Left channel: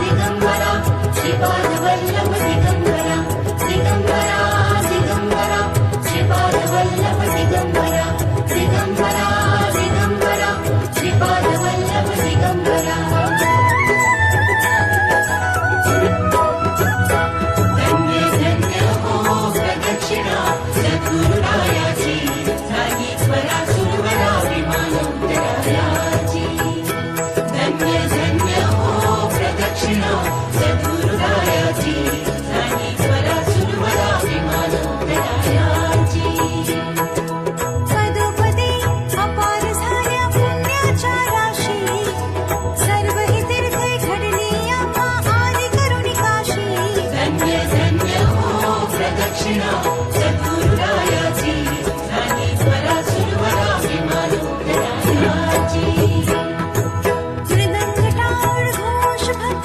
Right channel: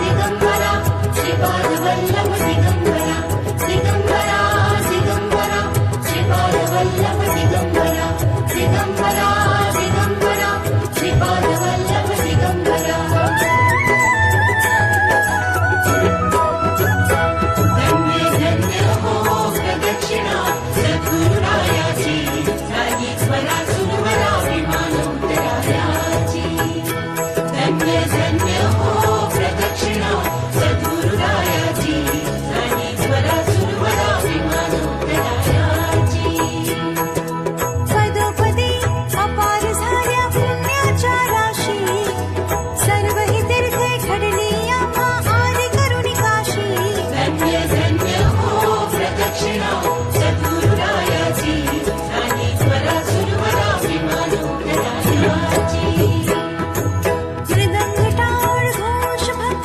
दिगंबरा श्रीपाद वल्लभ दिगंबरा दिगंबरा दिगंबरा श्रीपाद वल्लभ दिगंबरा दिगंबरा दिगंबरा श्रीपाद वल्लभ दिगंबरा धन्य धन्य हो प्रदक्षिणा सद्गुरुरायाची झाली स्वरा सुरवरा विमान उतरायाची धन्य धन्य हो प्रदक्षिणा सद्गुरुरायाची झाली स्वरा सुरवरा विमान उतरायाची पदोपदी अपार झाल्या पुण्याच्या राशी सर्व ही तीर्थे घडली आम्हा आदि करुणी काशी धन्य धन्य हो प्रदक्षिणा सद्गुरुरायाची झाली स्वरा सुरवरा विमान उतरायाची मृदंग टाळ घोष भक्त